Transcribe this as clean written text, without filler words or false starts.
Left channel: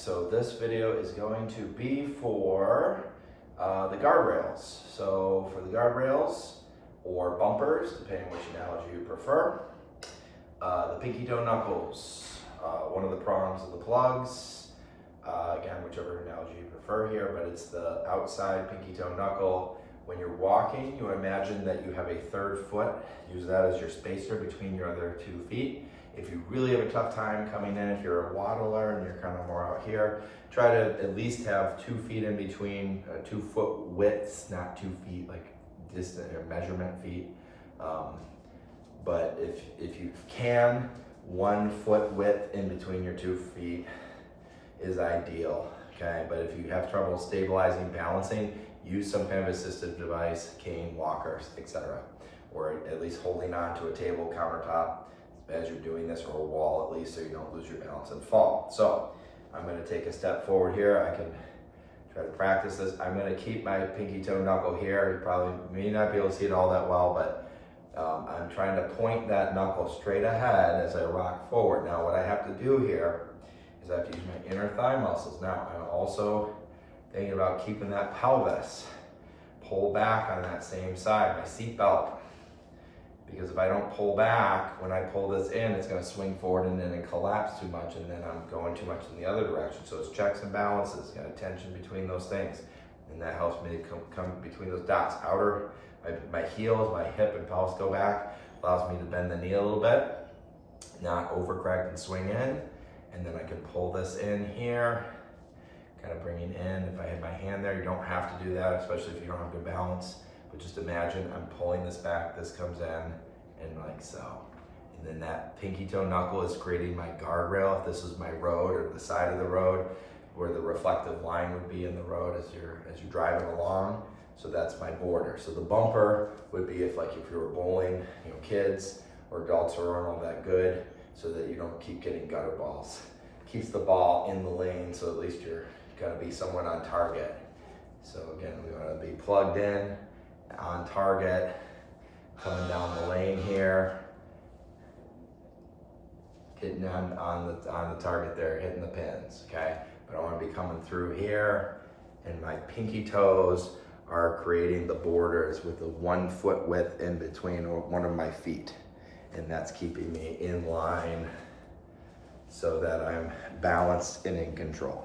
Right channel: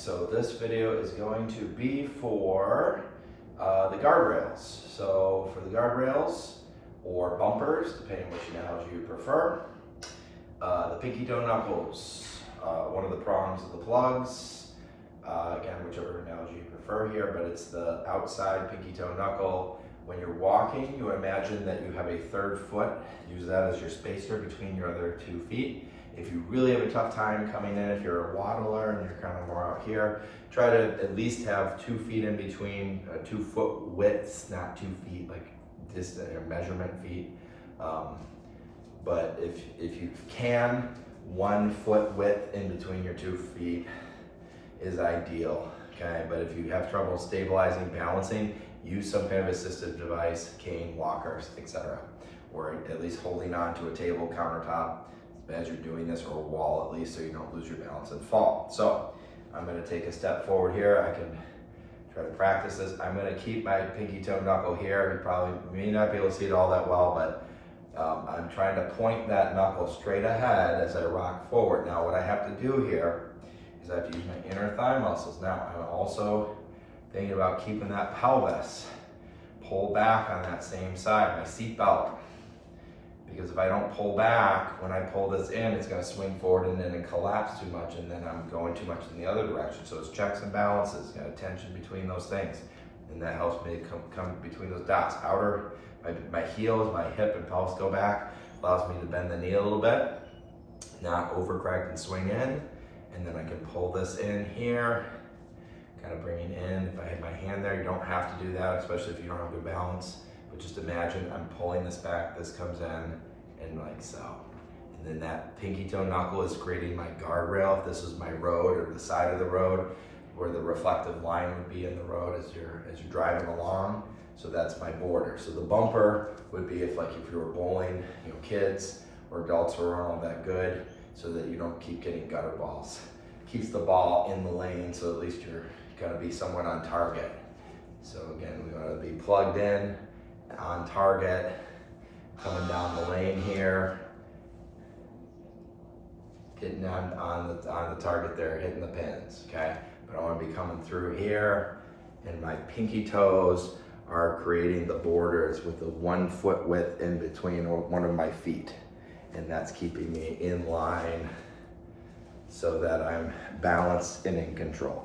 so this video is going to be for the guardrails. So for the guardrails or bumpers, depending on which analogy you prefer, the pinky toe knuckles, one of the prongs of the plugs, again, whichever analogy you prefer here, but it's the outside pinky toe knuckle. When you're walking, you imagine that you have a third foot. Use that as your spacer between your other 2 feet. If you really have a tough time coming in, if you're a waddler and you're kind of more out here, try to at least have 2 feet in between, 2 foot widths, not 2 feet, like just measurement feet. But if you can, 1 foot width in between your 2 feet is ideal, okay? But if you have trouble stabilizing, balancing, use some kind of assistive device, cane, walkers, etc. Or at least holding on to a table, countertop as you're doing this, or a wall at least, so you don't lose your balance and fall. So I'm gonna take a step forward here. I can try to practice this. I'm gonna keep my pinky toe knuckle here. You probably may not be able to see it all that well, but I'm trying to point that knuckle straight ahead as I rock forward. Now what I have to do here is I have to use my inner thigh muscles. Now I'm also thinking about keeping that pelvis pull back on that same side, my seat belt. Because if I don't pull back, when I pull this in, it's gonna swing forward and then it collapse too much, and then I'm going too much in the other direction. So it's checks and balances, got a tension between those things. And that helps me come between those dots. My heels, my hip and pelvis go back, allows me to bend the knee a little bit, not overcorrect and swing in. And then I can pull this in here, kind of bringing in. If I have my hand there, you don't have to do that, especially if you don't have good balance. But just imagine I'm pulling this back, this comes in, and like so. And then that pinky toe knuckle is creating my guardrail. If this is my road or the side of the road, where the reflective line would be in the road as you're driving along. So that's my border. So the bumper would be if you were bowling, kids or adults who aren't all that good, so that you don't keep getting gutter balls. Keeps the ball in the lane, so at least you're gonna be somewhat on target. So again, we wanna be plugged in, on target, coming down the lane here, getting on the target there, hitting the pins, okay? But I want to be coming through here, and my pinky toes are creating the borders with the 1 foot width in between one of my feet, and that's keeping me in line so that I'm balanced and in control.